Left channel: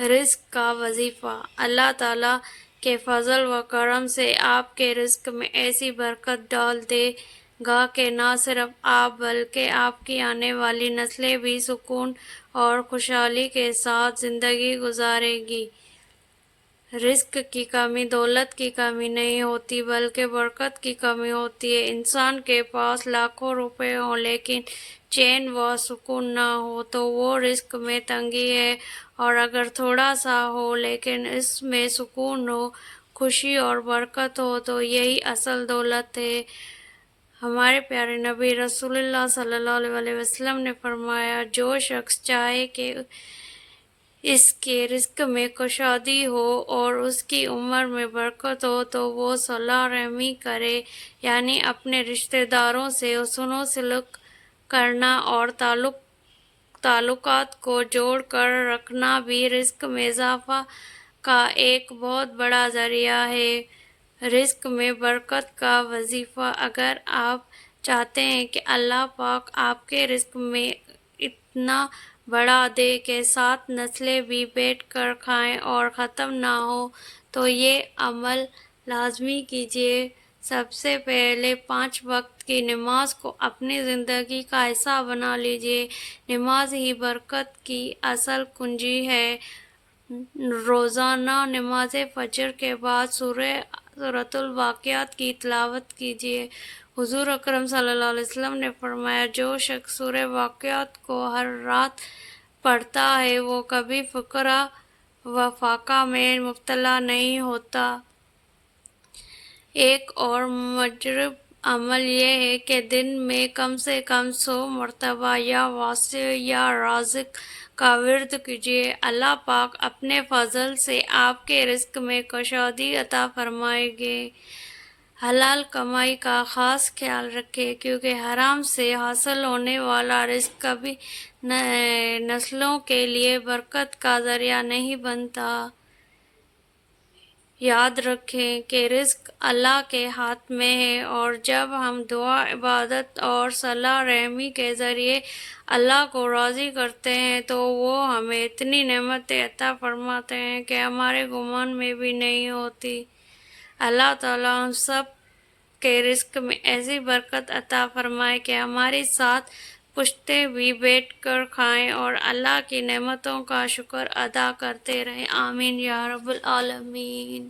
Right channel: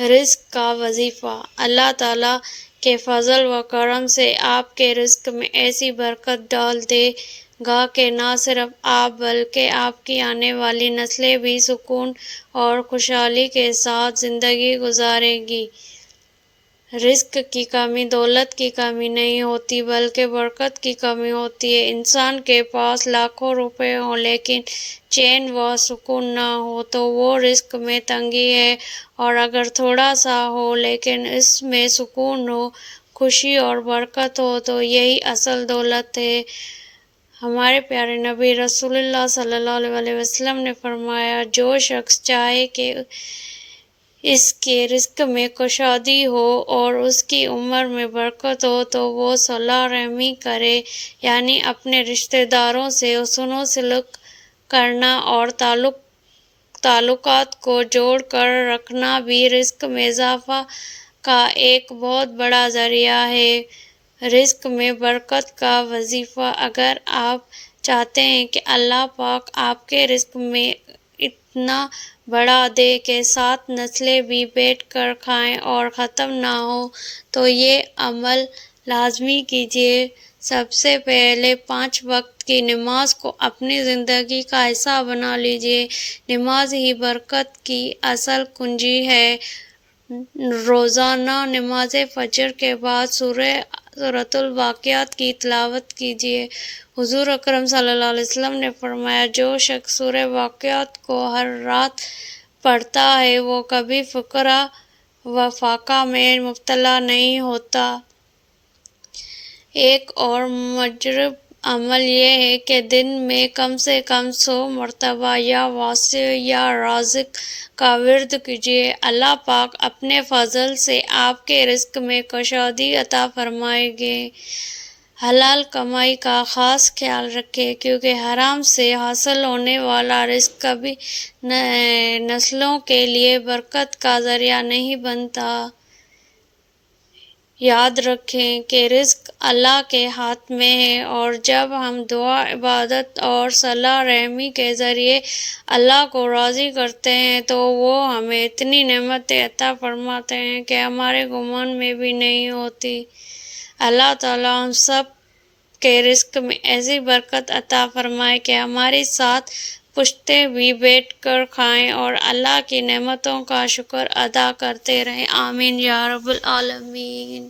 رزق کا وظیفہ۔ اللہ تعالیٰ کے فضل و کرم سے آپ کے رزق میں ایسی برکت ڈال دے گا کہ نہ صرف آپ بلکہ آپ کی آنے والی نسلیں بھی سکون اور خوشحالی کے ساتھ زندگی گزاریں گی۔ رزق کی کمی دولت کی کمی نہیں ہوتی بلکہ برکت کی کمی ہوتی ہے۔ انسان کے پاس لاکھوں روپے ہوں لیکن چین و سکون نہ ہو تو وہ رزق میں تنگی ہے، اور اگر تھوڑا سا ہو لیکن اس میں سکون ہو، خوشی اور برکت ہو تو یہی اصل دولت ہے۔ ہمارے پیارے نبی رسول اللہ صلی اللہ علیہ وسلم نے فرمایا، جو شخص چاہے کہ اس کے رزق میں کشادگی ہو اور اس کی عمر میں برکت ہو تو وہ صلہ رحمی کرے، یعنی اپنے رشتہ داروں سے حسن و سلوک کرنا اور تعلقات کو جوڑ کر رکھنا بھی رزق میں اضافہ کا ایک بہت بڑا ذریعہ ہے۔ رزق میں برکت کا وظیفہ۔ اگر آپ چاہتے ہیں کہ اللہ پاک آپ کے رزق میں اتنا بڑھا دے کہ 7 نسلیں بھی بیٹھ کر کھائیں اور ختم نہ ہوں تو یہ عمل لازمی کیجیے۔ سب سے پہلے 5 وقت کی نماز کو اپنی زندگی کا حصہ بنا لیجیے۔ نماز ہی برکت کی اصل کنجی ہے۔ روزانہ نماز فجر کے بعد سورۃ الواقعات کی تلاوت کیجیے۔ حضور اکرم صلی اللہ علیہ وسلم نے فرمایا، جو شخص سورۃ واقعات کو ہر رات پڑھتا ہے وہ کبھی فقر و فاقہ میں مبتلا نہیں ہوتا۔ ایک اور مجرب عمل یہ ہے کہ دن میں کم سے کم 100 مرتبہ یا واسع یا رازق کا ورد کیجیے۔ اللہ پاک اپنے فضل سے آپ کے رزق میں کشادگی عطا فرمائیں گے۔ حلال کمائی کا خاص خیال رکھیں کیونکہ حرام سے حاصل ہونے والا رزق کبھی نسلوں کے لیے برکت کا ذریعہ نہیں بنتا۔ یاد رکھیں کہ رزق اللہ کے ہاتھ میں ہے، اور جب ہم دعا، عبادت اور صلہ رحمی کے ذریعے اللہ کو راضی کرتے ہیں تو وہ ہمیں اتنی نعمتیں عطا فرماتے ہیں کہ ہمارے گمان میں بھی نہیں ہوتی۔ اللہ تعالیٰ ہم سب کے رزق میں ایسی برکت عطا فرمائے کہ ہماری 7 پشتیں بھی بیٹھ کر کھائیں اور اللہ کی نعمتوں کا شکر ادا کرتے رہیں۔ آمین یا رب العالمین۔